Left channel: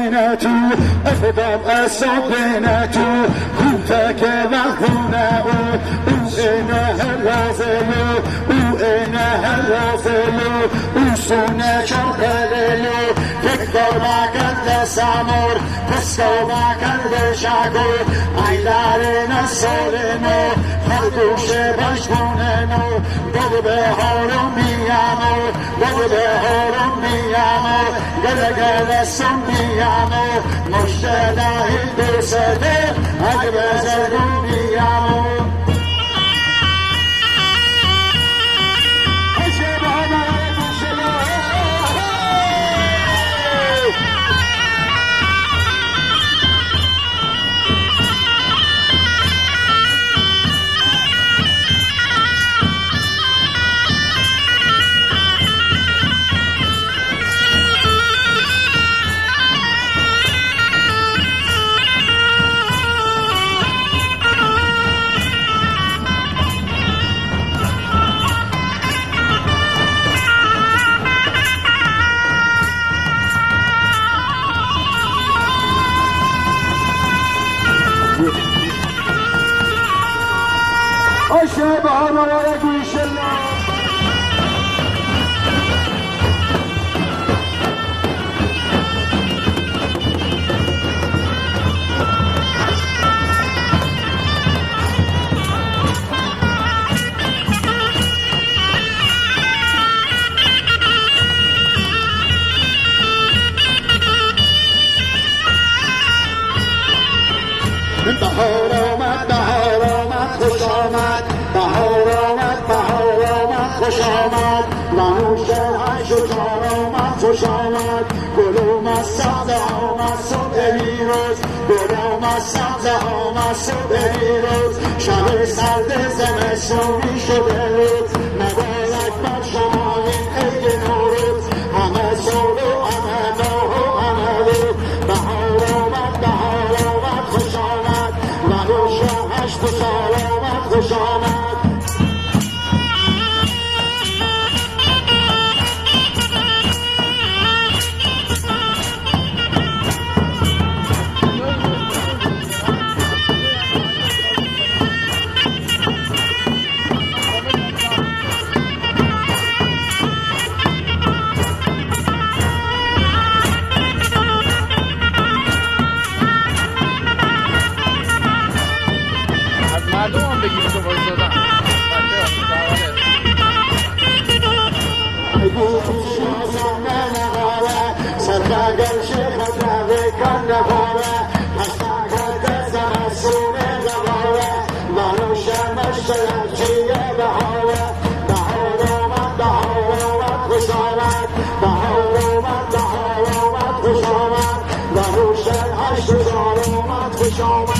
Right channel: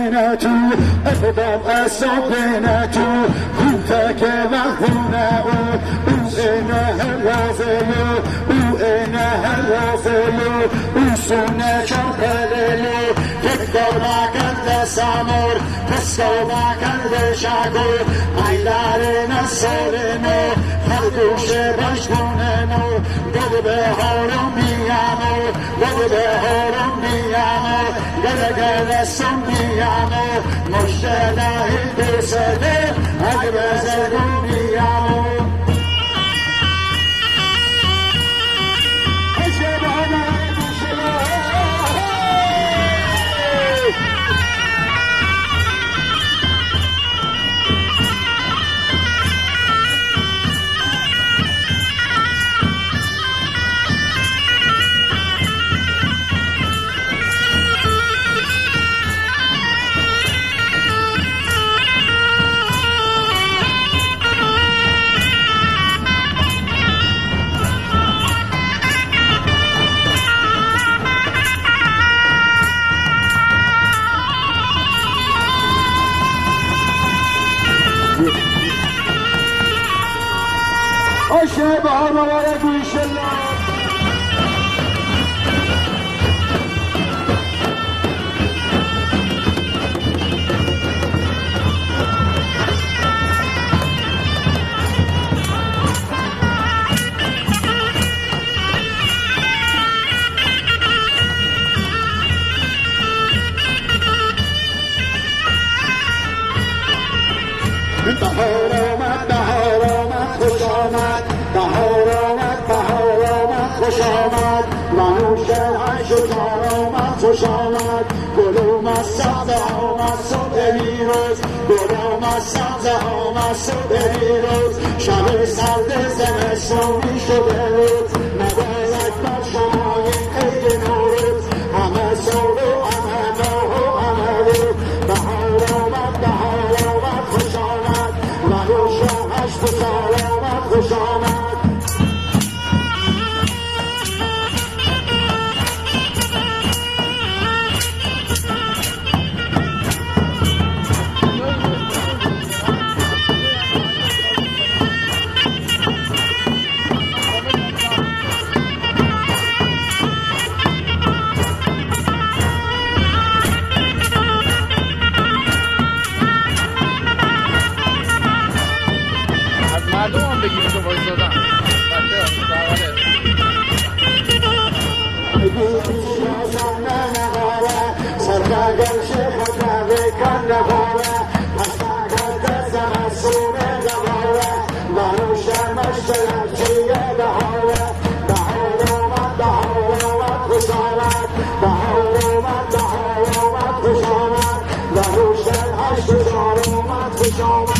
بيناتي أفضل أسد بيناتي كنتك لهنا وإنها الوزيل وإنها الوزيل وسنا شوكالي يكتبها قد سامور تسكبها قد شعبي عيدارنا السلمي خلقوش بشكوننو قد بهارم بيامو قد بهارم بيامو قد قد سنبيامو مشتده بسده أجبزكم بيامو الشباب ولد الشلال خوشامد منوشه عشقامد خوشامد گلوم از سبزه آمد صبح بیروز گلوم از سبزه آمد صبح بیروز شب سرد زمستون می شده روز مبارک بر شما این عید نوروز همه سال و همه ماه و همه روز بهار آمد خوش آمد منوشه عشق و سلامت خوش آمد مردم هم بگیریم که باید دادن خوش آمد